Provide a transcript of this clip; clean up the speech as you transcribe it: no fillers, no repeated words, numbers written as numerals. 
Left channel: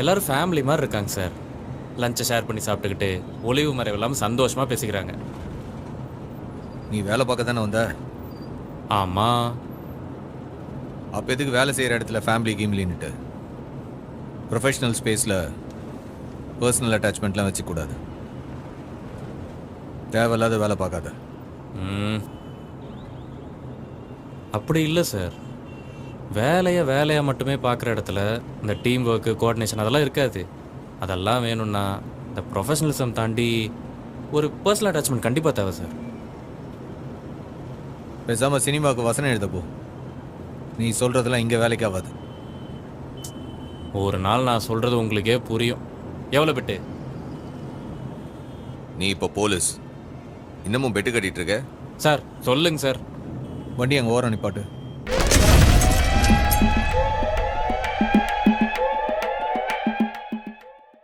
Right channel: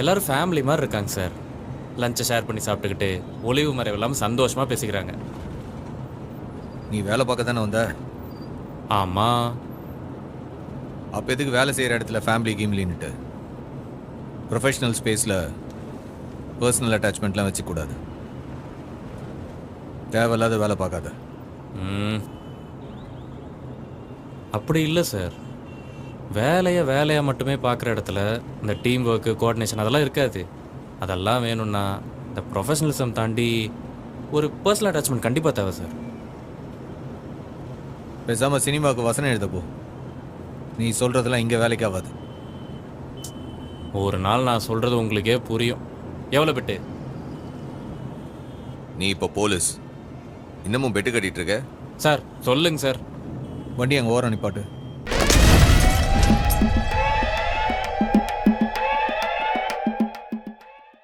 எல்லாரும் ஃபேமிலி மாதிரி இருக்காங்க சார். லஞ்சை ஷேர் பண்ணி சாப்பிட்டுக்கிட்டு ஒளிவு மறைவு இல்லாமல் சந்தோஷமாக பேசிக்கிறாங்க. நீ வேலை பார்க்க தானே வந்த? ஆமாம். அப்போ எதுக்கு வேலை செய்கிற இடத்துல ஃபேமிலி கீம்லின்னுட்டு? ப்ரொஃபஷனல் ஸ்பேஸில் பர்சனல் அட்டாச்மெண்ட்லாம் வச்சுக்கூடாது. தேவையில்லாத வேலை பார்க்காத. அப்படி இல்லை சார். வேலையை மட்டுமே பார்க்குற இடத்துல இந்த டீம் ஒர்க்கு, கோஆர்டினேஷன் அதெல்லாம் இருக்காது. அதெல்லாம் வேணும்னா இந்த ப்ரொஃபஷனலிசம் தாண்டி ஒரு பர்சனல் அட்டாச்மெண்ட் கண்டிப்பாக தேவை சார். பேசாமல் சினிமாவுக்கு வசனம் எழுதப்போ. நீ சொல்கிறதெல்லாம் இங்கே வேலைக்கு ஆகாது. ஒரு நாள் நான் சொல்கிறது உங்களுக்கே புரியும். எவ்வளோ பெட்டு? நீ இப்போ போலீஸ், இன்னமும் பெட்டு கட்டிகிட்டு இருக்க? சார் சொல்லுங்க சார். வண்டி அங்கே ஓரம் நிப்பாட்டு.